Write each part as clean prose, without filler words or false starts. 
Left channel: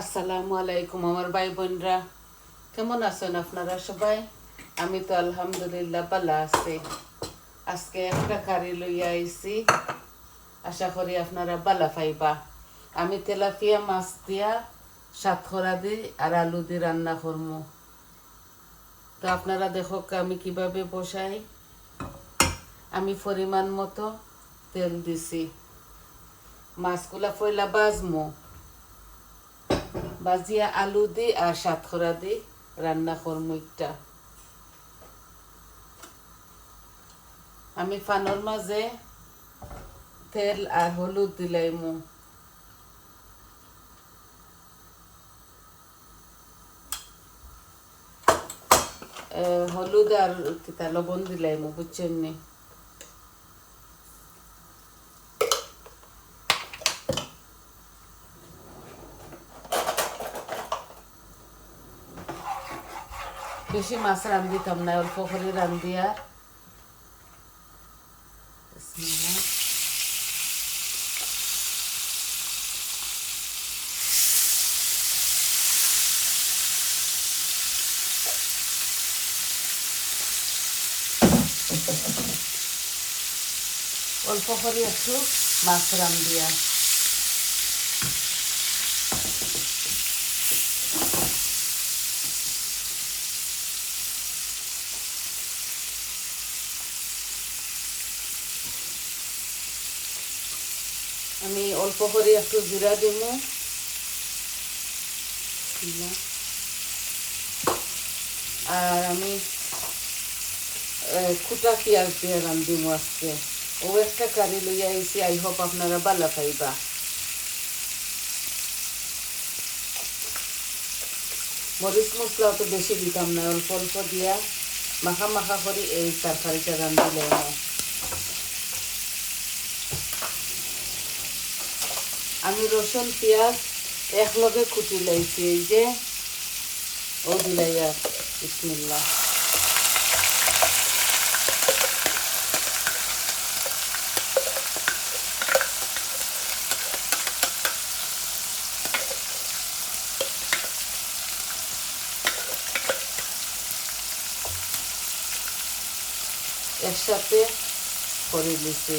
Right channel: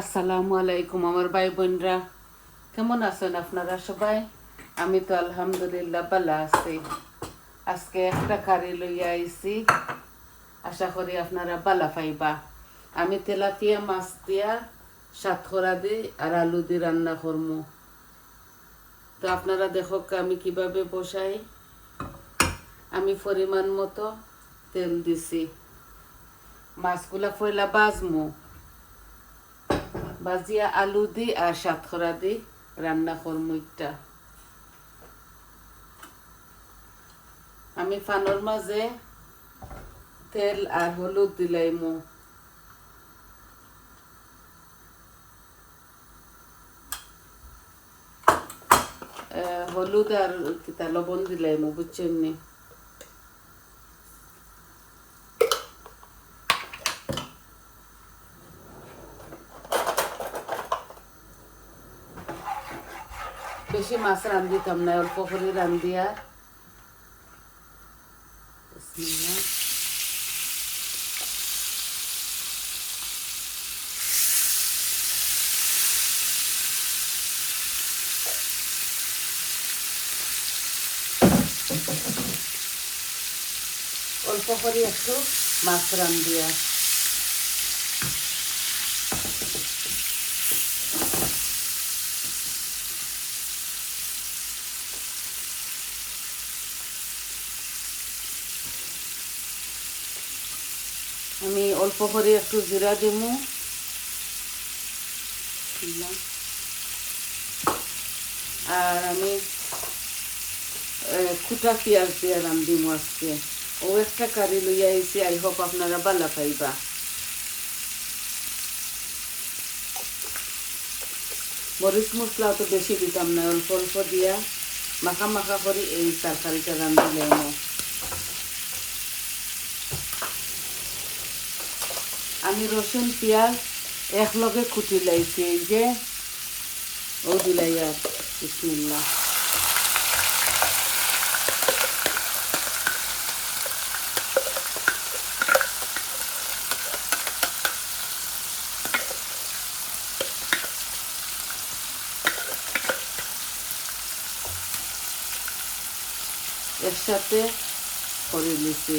আসসালামু আলাইকুম আমার ভাই বোনরা, কেমন আছেন আপনারা সবাই? আমি তো আলহামদুলিল্লাহ ভালো আছি। আজকে একটা কারি লইয়া আইছি, আশা করি আপনারা ভালো পাইবা। আমি তেলাপিয়া মাছ দিয়া সাতখরা দি আর আলু দি রান্না করবো। তো আপনারা দেখো আমি কিভাবে বসাই। আমি পরিমাণ মতো তেল দিছি, মাছগুলা পয়লা বাজমু, বাজিয়া আলু দি আর সাতখরা দি রান্না করবো একটা। আমি ফানোর মাঝে তেল আর হলুদ দিলাইমু। হলুদ আর কিতা লবণ দিলাইমু, বুঝছেন নি? বেশি মাছ রান্ধিতাম না, অল্প করে রান্ধিয়া। বিসমিল্লাহ। অল্প করে একটু মাছ রান্ধিয়া। আমি অল্প করে একটু জিরা দিমু, আর আমি কুটা পেঁয়াজ দিয়ে রান্ধিমু আজকে। ও একটা কারি লইয়া আইছি, আই হোপ আপনারা ভালো পাইবা। মরিচ মশলা তো বেশি দিতাম না, অল্প অল্প দিয়া মাখা মাখা করে এই তরকারিটা রান্ধিলাম। আমি রসুন পেঁয়াজ একলগে কুটি লাইছি, এই যে ও দিলাই। আর বিসমিল্লাহ। একসাথে করে নিছি।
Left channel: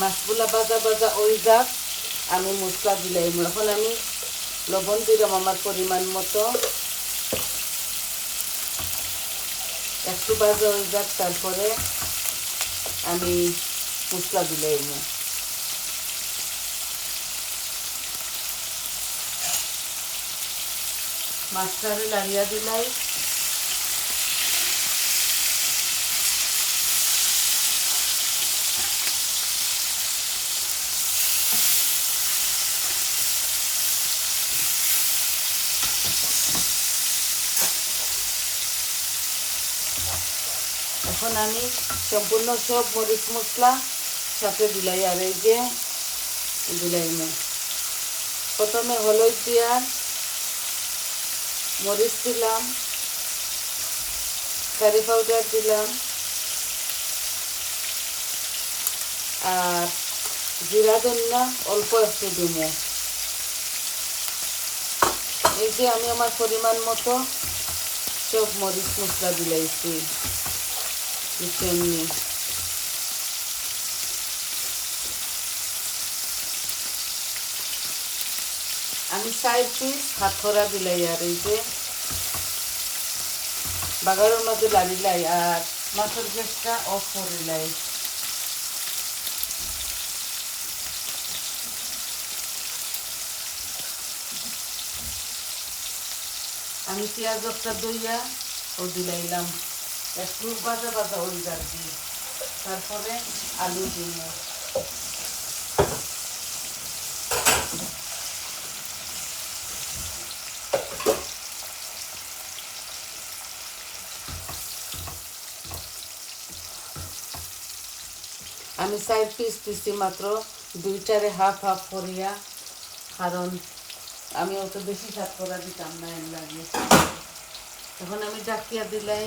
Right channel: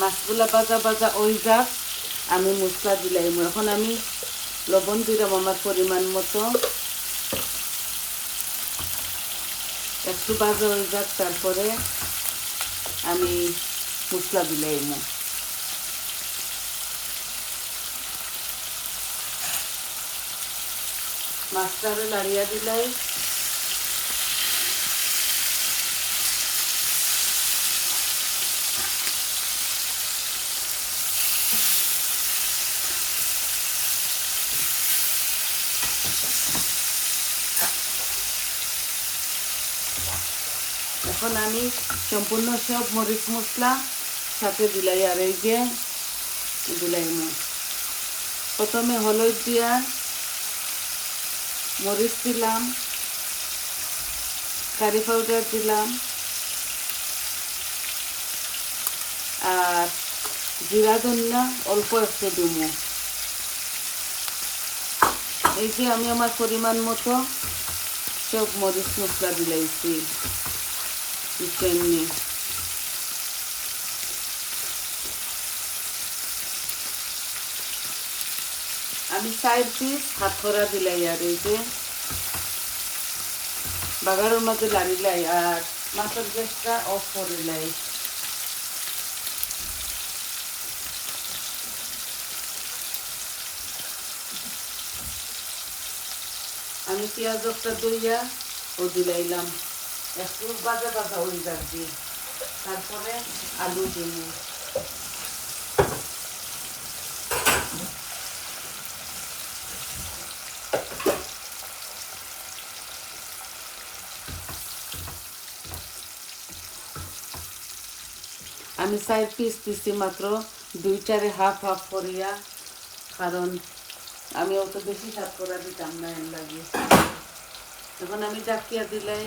মাছগুলা ভাজা ভাজা ওই যাক, আমি মশলা দিলাম। এখন আমি লবণ দিলাম আমার পরিমাণ মতো, একটু ভাজা ওই যাক, তারপরে আমি মশলা দিলাম। মাছটারে লাড়িয়া দিলাই। এখন আমি সম্পূর্ণ সব মরিচ মশলা সাথে দিলাই। আর এই যে দিলাই, প্রথমে হলুদ দিয়া মরিচ দিলাম, কারি পাউডার দিলাম, আর জিরা ধনিয়া অল্প একটু দিব। এই যে আমি আমার পরিমাণ মতো সব মরিচ মশলা দিলাইছি, বুঝছেন নি? আমি 4 পিস হাতকড়া দিলাই। আর এই যে বাগারের মধ্যে লাড়িলাই আর মাছের গ্যাসটা অফ করিলাই। আমি পেঁয়াজ একটা দইয়া ও দিলাইলাম, একটু ভাজা ভাজা ওই যাচ্ছি। তারপরে আলু দিব। আমি 4 পিস দিছি মাত্র, 2টারে হাফ হাফ করিয়া, কারণ আমি অত বেশি স্বাদ করা দিতাম না এর লাগে। তখন আমি ডাকিয়া দিলাই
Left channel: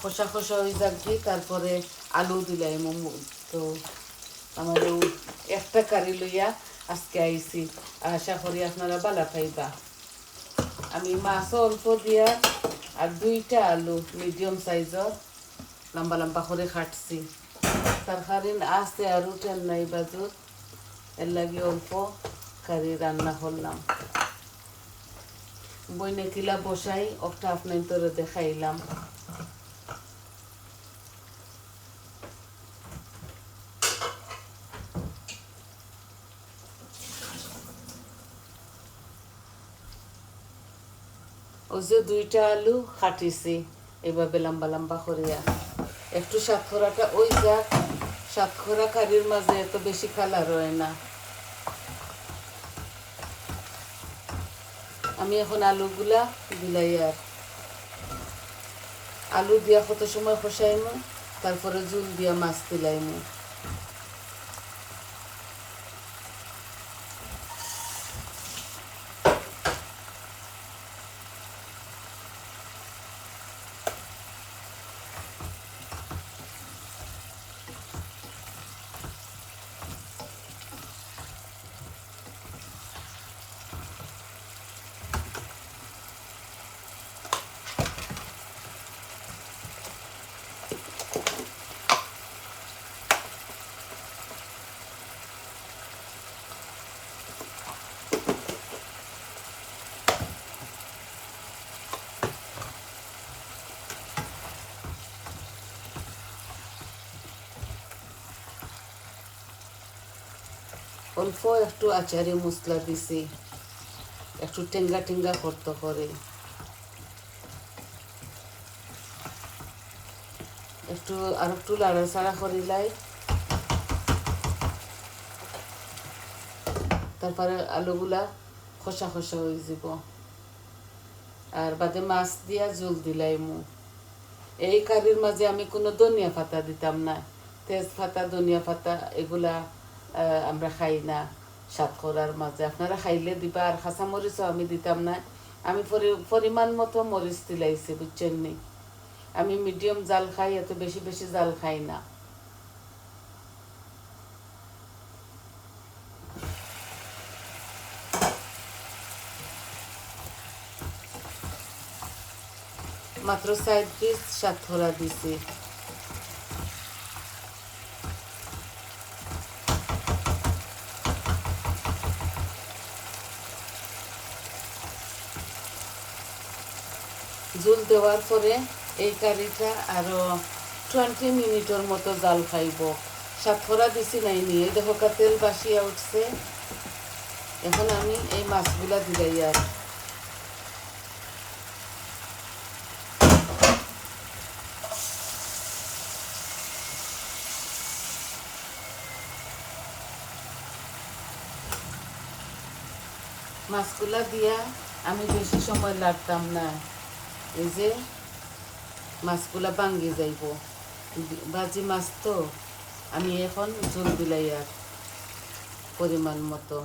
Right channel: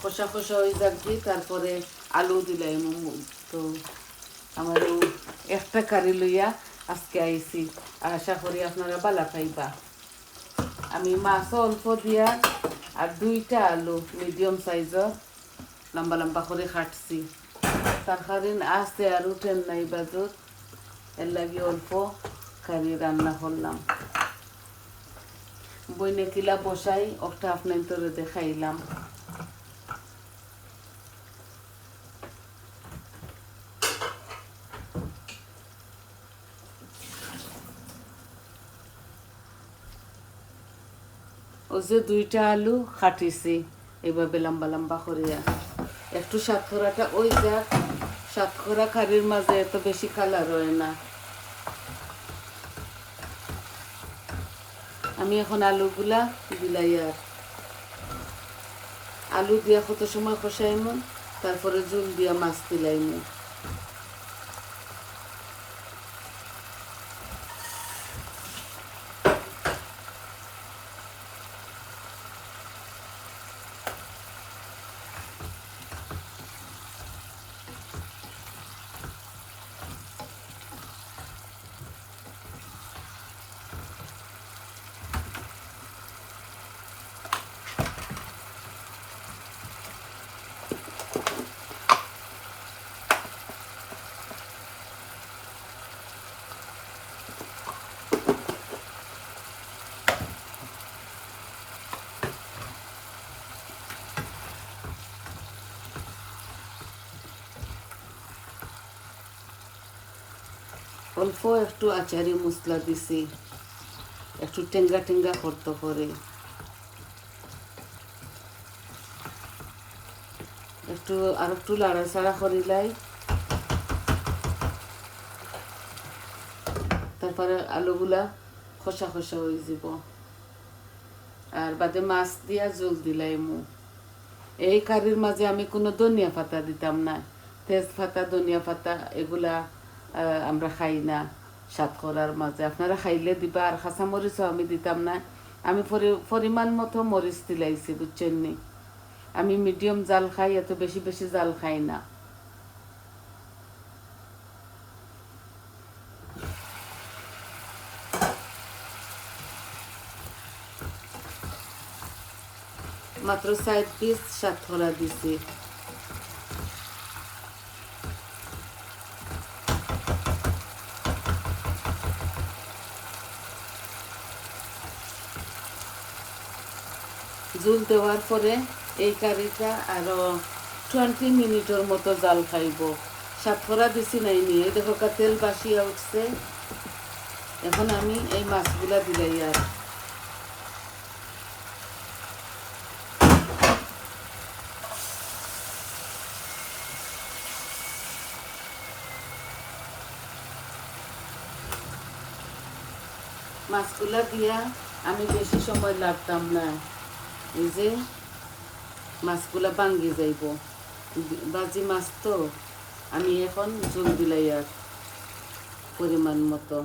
খোসা খোসা হয়ে যাচ্ছি, তারপরে আলু দিলাই মোমো। তো আমার একটা কারি লইয়া আজকে আইছি, আশা করি আপনারা বালা পাইবা। আমি মাছও অল্প দিয়া আর 2টা আলু মিডিয়াম সাইজর লম্বা লম্বা করে কাটছি। তরকারি আসতে আর উঠেন নাই বাজত, এর লাগে অল্প কারি রান্না করলাম। বইনে কিলা বসাই ওটা আপনার তোরে দেখাইলাম। ওই যে 2টা আলু কাটিছি এইভাবে লম্বা লম্বা করিয়া। একটু সাতকরাটা ওই যা সাতকরা কারির মাঝে এত বেশি কালার হয় না। আমি এখন আলুগুলা দিলাই, আর আলু দিয়া কত সময় কষাইমু, তারপরে জল দিয়ে মাছ দিলাইমু। অল্প একটু আচারি মশলা দিছি, একটু টেঙ্গা টেঙ্গা করতে করে। একটু আর একটু লাড়াচাড়া করিলাই, তারপরে আলুগুলা খসা খসা হয়ে যাব। আর বাদে মাছ দিয়া জল দিলাইমু। এই কারির মাঝে আমি কোনো ধনিয়া পাতা দিতাম না, তেজপাতা ধনিয়া পাতা এগুলা আমরা খাই না সাত করার মাঝে। আপনারা খাইলে দিবা। আর কাঁচা মরিচও আমি দিতাম না। আমি পরিমাণ মতো মরিচ দিলাইছি, বুঝছেন নি। আমি মিডিয়াম জাল খাই, এত বেশি বেশি জাল খাই না। মাত্র 4 পিস সাতকরা দিছি। জল দেওয়ার পরে এই কারিটা আরো 20 মিনিটের মতো জাল খাইব। সাতকরা দিছি নাই নিয়ে দেখো তেল বাসিয়া উঠছে। এখন আমি এই মাছগুলা দিলাই, আর মাছগুলা দিয়া আমি বেশি সময় লাগতাম না। এই যে মাছগুলা ভাঙ্গি যাইব, বাজি মাছ তো। আমি এখন ঝোল দিলাই আর পরিমাণ মতো।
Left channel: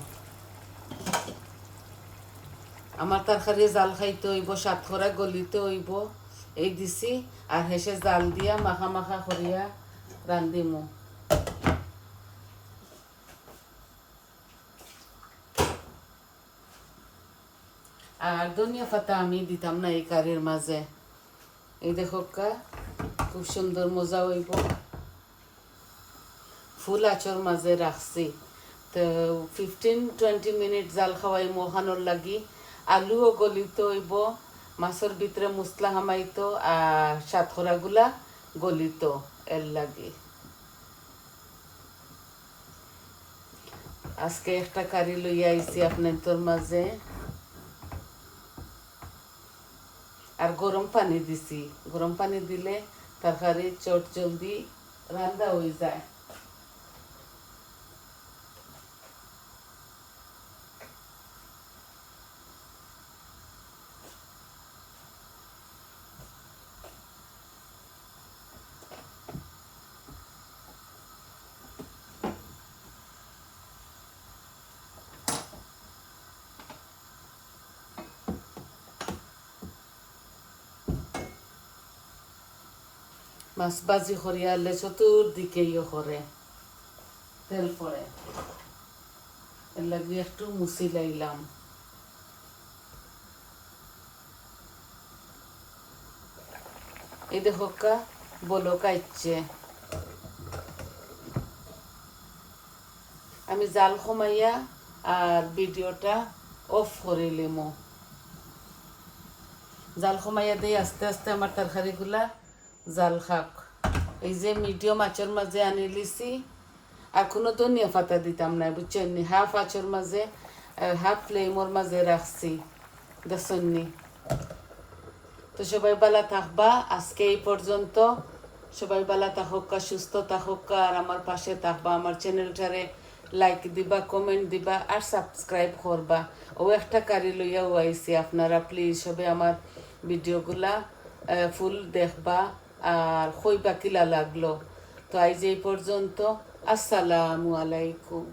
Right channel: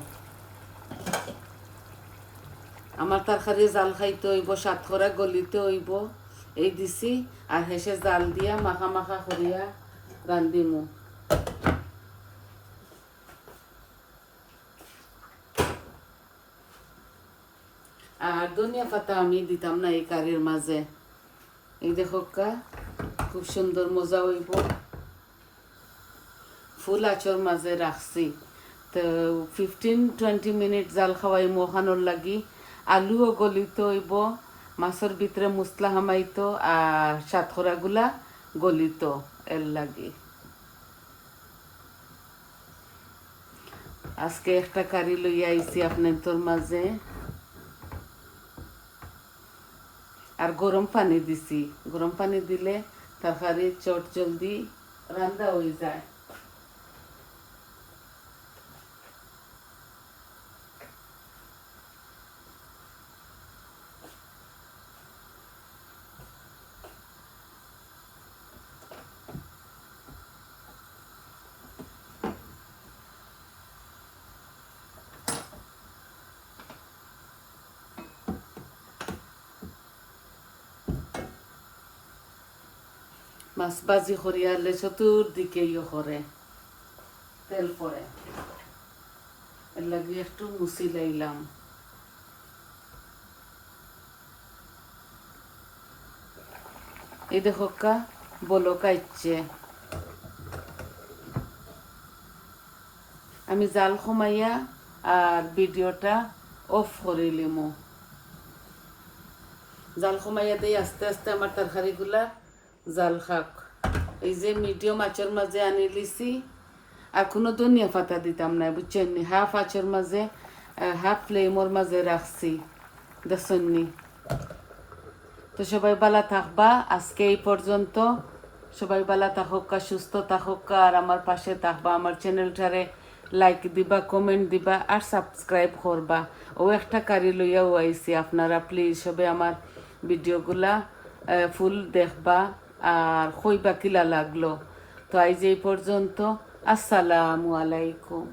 আমার তরকারি জাল খাইতে হইব, সাতকরা গলিতে হইব, এই দিছি। আর হেসে জাল দিয়া মাখা মাখা করিয়া রান্ধিমু। আর ধনিয়া পাতা আমি দিতাম না এই কারির মাঝে। এই দেখো খুব সুন্দর মজা হইব। ফুল আঁচর মাঝে রাখছি, তো 15-20 মিনিট জাল খাওয়াই মোহানোর লাগি। আলুও গলিত হইব, মাছের ভিতরে মশলা হামাইতো, আর সাতকরাগুলা গলিত এর লাগি। আজকে একটা কারি লইয়া আইছি আপনাদের মাঝে। আর গরম পানি দিছি, গরম পানি দিলে তরকারি চট জলদি রান্না হয়ে যায়। মাছ ভাজি করিয়ালে চতুর্দিকে করে তেল পড়ে, এর লাগে একটু মুছি লাইলাম। এই দেখো কা বলক আইছে, আমি জাল কমাইয়া আর ভিডিওটা অফ করে লিমু। জাল কমাইয়া দিই আস্তে আস্তে আমার তরকারিগুলা জাল খাক। এই যে মিডিয়াম আঁচের মাঝে আনি লিছি, আর কোনো ধনিয়া পাতা দিতাম না, বুঝছেন? হাফ আঁচের মাঝে হাফ ফ্লেমোর মাঝে রাখছি, দেখছেননি? তো সবাই ভালো থাকবা, আজকে এই পর্যন্ত। সবাই ভালো থাকুকা, সুস্থ থাকুকা, আর আমার পাশে থাকবা। আমার চ্যানেলটারে লাইক দিবা, কমেন্ট দিবা, আর সাবস্ক্রাইব করবা। ও একটা কারি লইয়াও আইছি, আপনারা প্লিজ সবে আমার ভিডিওগুলা ফুল দেখবা আর কইবা কিলা লাগলো। তো আজ এই পর্যন্ত, আসসালামু আলাইকুম।